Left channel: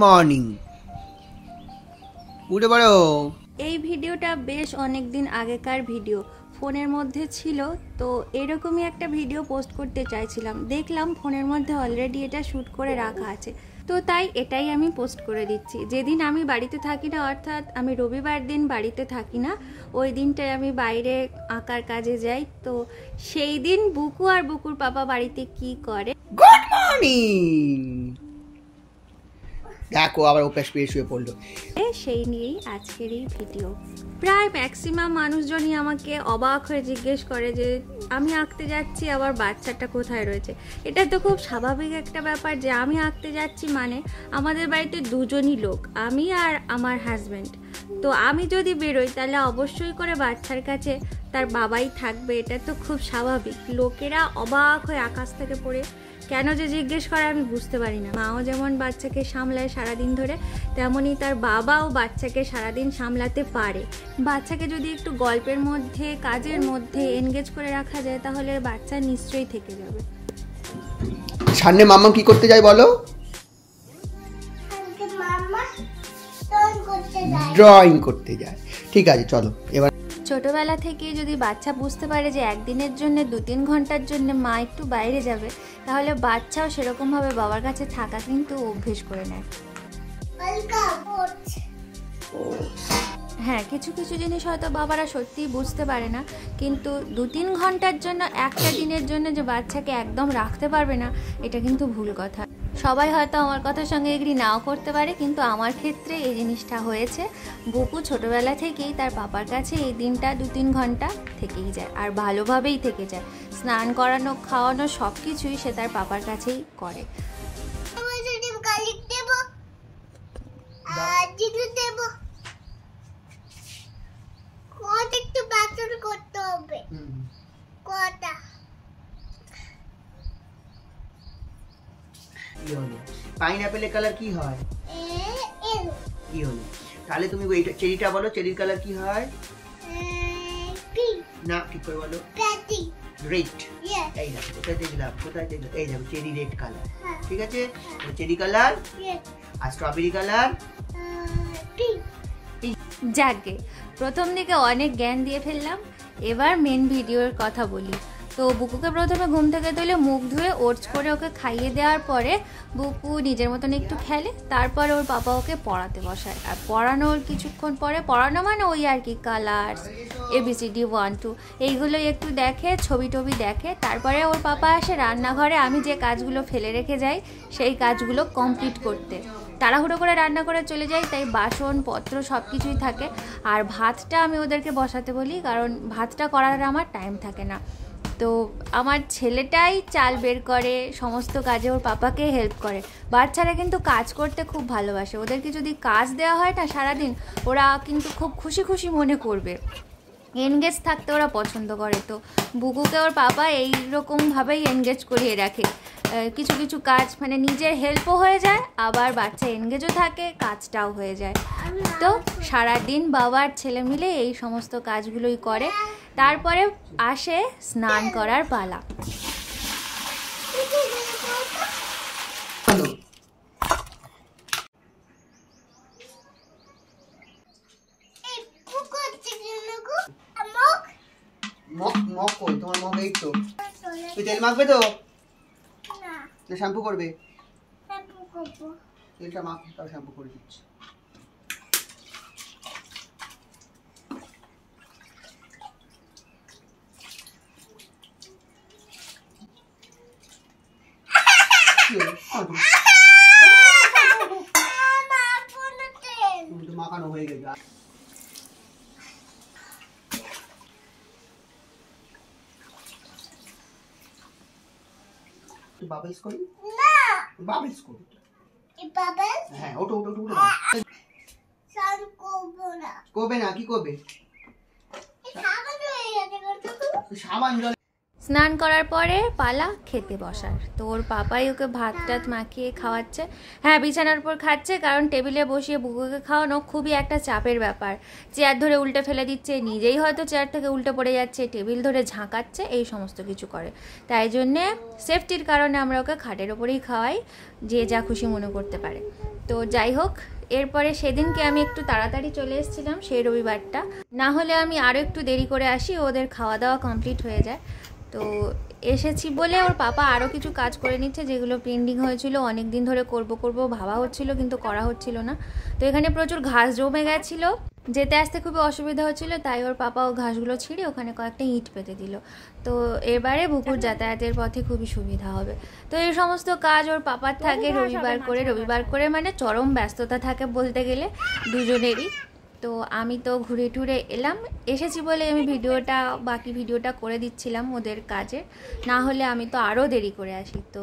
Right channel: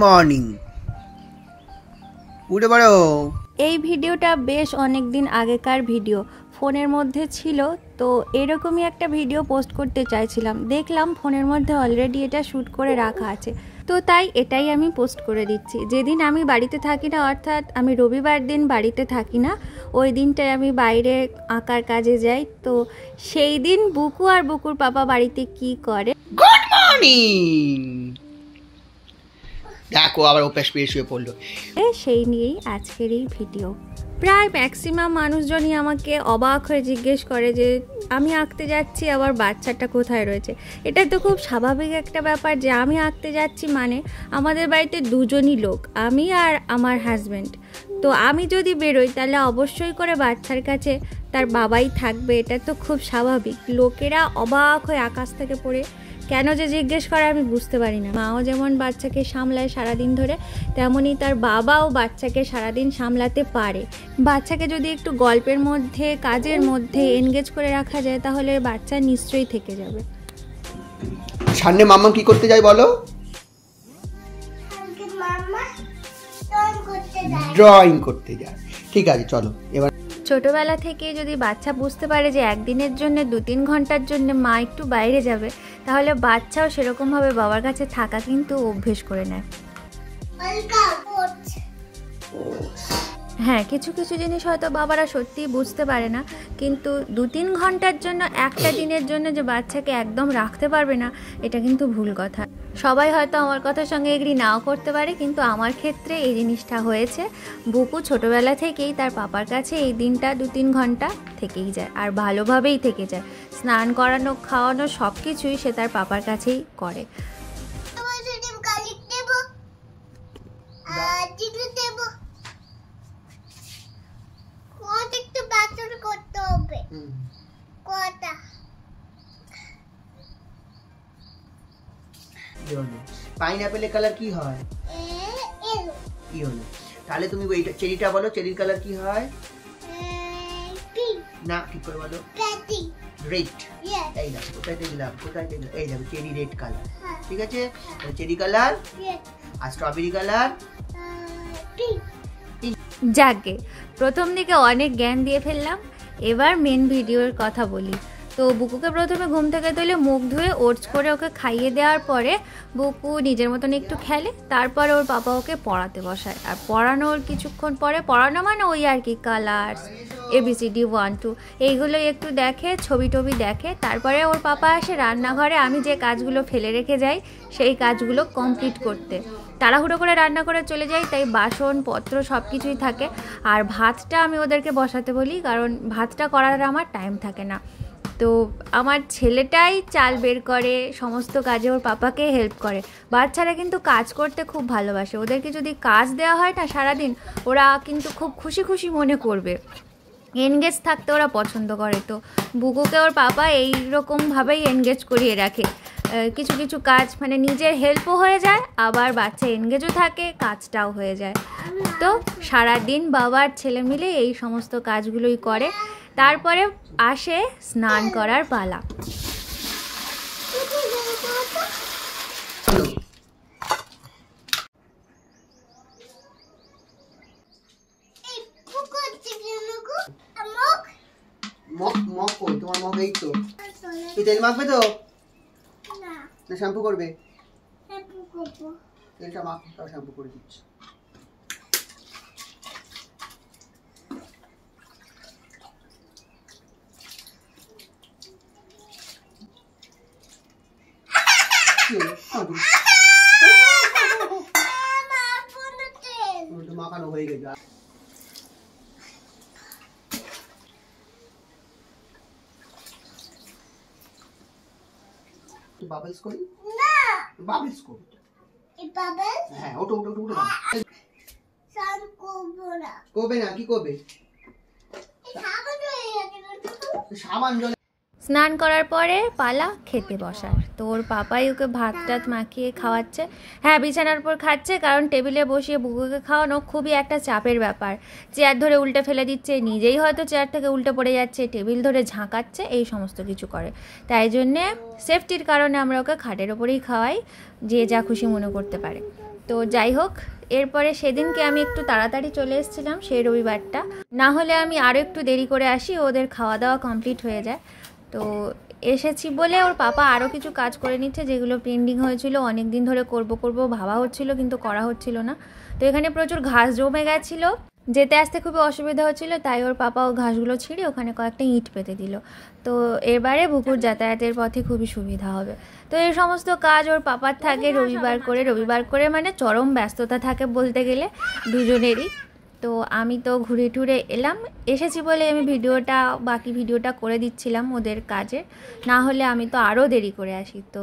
Morning, উঠে পড়ো। এই ভিডিওটা বেশ অনেক দিন আগেকার ভিডিও, ফোনের মধ্যে ছিল। তো এরকমই একটা ভিডিও পোস্ট করতে চাইছিলাম, দেখলাম ফোনের মধ্যে অলরেডি এটা শ্যুট করে রাখা আছে, তো তাই এটাই আমি পোস্ট করে দিচ্ছি। যেদিন আমি বাড়িতে থাকি না, অর্থাৎ আমি রবিবার দিন বাড়িতে থাকি না, ওই দিনটায় আমি বাইরে আঁকার কাজে যাই। তো সেই দিন বুকু আর বুকুর পাপা বাড়িতে কি করে। Good morning. দেখো আবার অভ্যাস পেয়ে শুয়ে পড়লো। সেই নিয়েই আজকের এই ভিডিও। প্রায় ম্যাক্সিমাম মানুষজনই আমাকে অবাক হয়ে জিজ্ঞেস করে যে আমি আঁকতে যাচ্ছি, আবার বাচ্চাটা কোথায় রয়েছে। এটা তো খুব স্বাভাবিক একটা ব্যাপার যে আমি আঁকতে যাচ্ছি মানে আমাদের বাড়িতে দুজনই লোক, আমি আর আমার হাজব্যান্ড। তো আমি যদি বেরোই তাহলে অবশ্যই করে বাচ্চার কাছে তার বাবাই থাকবে, এটা তো খুব স্বাভাবিক। লোকেরা অবাক হয়ে আকাশ থেকে পড়ে কেন যে জিজ্ঞেস করে আমি বুঝতে পারি না। মাও যেমন বাচ্চাকে সামলায় সারাদিন ধরে, তেমনই তার বাবাও বাচ্চাকে সারাদিন সামলাতে পারে। বাচ্চাকে যদি একটু গল্পের মধ্যে, কাজের মধ্যে এনগেজ করে রাখা যায় তাহলে বাচ্চা নিশ্চয়ই থেকে যাবে। সামনে মাম্মা কি করতে যায় বলো? ড্রয়িং করতে যায়। ঠিক আছে, চলো এবার। ছোটবেলা থেকে যদি বাচ্চা বুঝতে পারে যে একদিনের জন্য 2-3 ঘন্টার জন্য মা একটু বাইরে যাবে, তাহলে বাচ্চাও সেরকমভাবে বাবার কাছে থাকা কিন্তু অভ্যেস করে নেয়। হ্যাঁ, কিছু কিছু জিনিস হয়তো বাবারা সত্যিই বুঝতে পারে না, কিন্তু 2-3 ঘন্টার জন্য, একটা দিনের জন্য যে বাচ্চাকে একদম রাখতে পারবে না, এটা কিন্তু ভুল কথা। সবাই হয়তো আমার কথার সঙ্গে এগ্রি নাও করতে পারে, কিন্তু আমার ক্ষেত্রে এই জিনিসটা হয়েছে। বুকু ছোটবেলা থেকেই তার পাপার কাছে এই দিনটা 2-3 ঘন্টা থেকেই যায়, আর ভালোভাবেই থেকে যায়। স্নান করানো, খাওয়ানো সব কিছুই সে তার পাপার কাছেই করে। পাইনাপেলের কালার কি হয়? ইয়েলো। তাহলে তুমি এইটা চেরিটা বলো, চেরির কালার কি হয়? না, ঠিক করে বলো। রেড। এই দেখো কোথায় দেখলাম, কোথায় দেখলাম, এই দেখো চেরি রেড কালার। ঠিক আছে, চেরি কালার আর স্ট্রবেরি কালার। যাকে প্রথম দিকে অনেক জ্ঞান দিয়ে ফেললাম, এবার মেন ভিডিওর কথা বলি। তো বুকুকে প্রথমে ঘুম থেকে তুলে মুখ ধুয়ে ওটস করে ওকে খাইয়ে দেওয়ার পরে বুকু নিজের মতন একটু খেলে, তারপরে ওর পাপা ওকে পড়াতে বসায়। আর পড়ানোর কিছুক্ষণ পরে, পড়ানো মানে ওই আর কি, কালার, ABCD 1 2 এইগুলোই একটু দেখে, ছবি টবি দেখে। তারপরে ওর পাপা আসে রান্নাঘরে আমি যে কাজগুলো ফেলে রেখে যাই সেই কাজগুলো কমপ্লিট করতে। তাড়াহুড়ো করে রান্না করে চলে যাই, তাই বাসন পত্র সব কিছুই থাকে। আর ভাতটা আমি ওদেরকে বসাতে বলি, কারণ ভাতটা করার আমার টাইম থাকে না। তো আমার ছেলেটাই চাল বের করে, সমস্ত কাজে ওর পাপাকে হেল্প করে। বাচ্চারা কিন্তু কাজ করতে খুব ভালোবাসে, ওদেরকে যদি কাজ দেওয়া হয় না সারাদিন, ওরা কিন্তু খুব খুশি খুশি মনে করবে, এনগেজ থাকতে ওরা পছন্দ করে। তো বুকুকে ওর পাপা এইরকমভাবেই এনগেজ করিয়ে রাখে। কিছু কিছু কাজ মানে নিজের হেল্পও হয়ে যায়, আবার বাচ্চা এনগেজও থাকে, কাজটাও হয়ে যায়। তো সারাদিন বাবার ছেলে মিলে এই সমস্ত কাজগুলোই করে। তারপরে আসে স্নান করার পালা। তোমার মুখ এই তো, তেল মাখবে তো না, শ্যাম্পু করবে? তেলটা মাখ, তাও শ্যাম্পু করে দিচ্ছি। মাখানো হয়ে গেছে। বাবলস করি না, বাবলস করি। এই বাবলস, হ্যাঁ, ওটো ওটো ওটো। সান করব না, করবে না? কি করবে? সাবান জলে, সাবান জলে। স্নান করার পরে পালা খেতে বসার। তো ওর পাপাই ওকে ভাত টাত মাখিয়ে খাওয়াচ্ছে। হ্যাঁ, বিছানার উপর খাচ্ছে, কারণ টেবিলে বসিয়ে বুকুকে খাওয়ানো খুবই একটা চাপের ব্যাপার। চেয়ার ধরে উল্টে ফেলে দিচ্ছে, নিজেই হয়তো চেয়ার থেকে উল্টে পড়ে যাচ্ছে, টেবিল ধরে ঝাঁকাচ্ছে, এই সমস্ত কিছু করে। তাই জন্যে সেফটির কারণে আমরা ওকে খাটের ওপরেই খাওয়াই, যে যা খুশি মনে করতে পারে। তো যাই হোক, এরপরে সেদিনকে আমি একটু তাড়াতাড়ি চলে এসেছিলাম, সেই রবিবারটা। না হলে আমি আরও একটু দেরি করে আসি, ওদের খাওয়া দাওয়া কমপ্লিট হয়ে যায়। তো এসেছি বলে ওর পাপা আরও কিছু কাজ করে নিচ্ছে, যেগুলো পেন্ডিং হয়েছিল, অনেক দিন ধরে করব ভাবা হচ্ছিল, কিন্তু করা হচ্ছিল না। তো এখানে প্রচুর ঘাস জমে গেছিলো, যেতে আসতে খুবই অসুবিধা হচ্ছিল, তাই ওর পাপা ও ঘাসগুলো ছিঁড়ে ওখানে কয়েকটা ইট পেতে দিল। তো এবারে বুকুর যাতায়াতের পথে খুবই সুবিধা হবে। তো এই সমস্ত কাজ ওর পাপার থাকে রবিবার করে মানে চরম ব্যস্ততা থাকে বলতে গেলে দুজনেরই। তো আমি তো ঘুরে টুরে এসেছি বলে আমি বাকি ভিডিওটা করে দিচ্ছিলাম ওদের কাজে, না হলে আমি তো আরও দেরি করে আসি। তো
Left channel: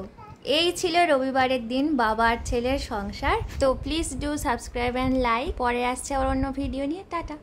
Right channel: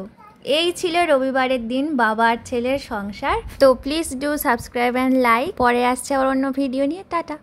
এই ছিল রবিবারের দিন বাবা আর ছেলের সংসার। তো please do subscribe and like. পরে আসছে আর অন্য ভিডিও নিয়ে। টাটা।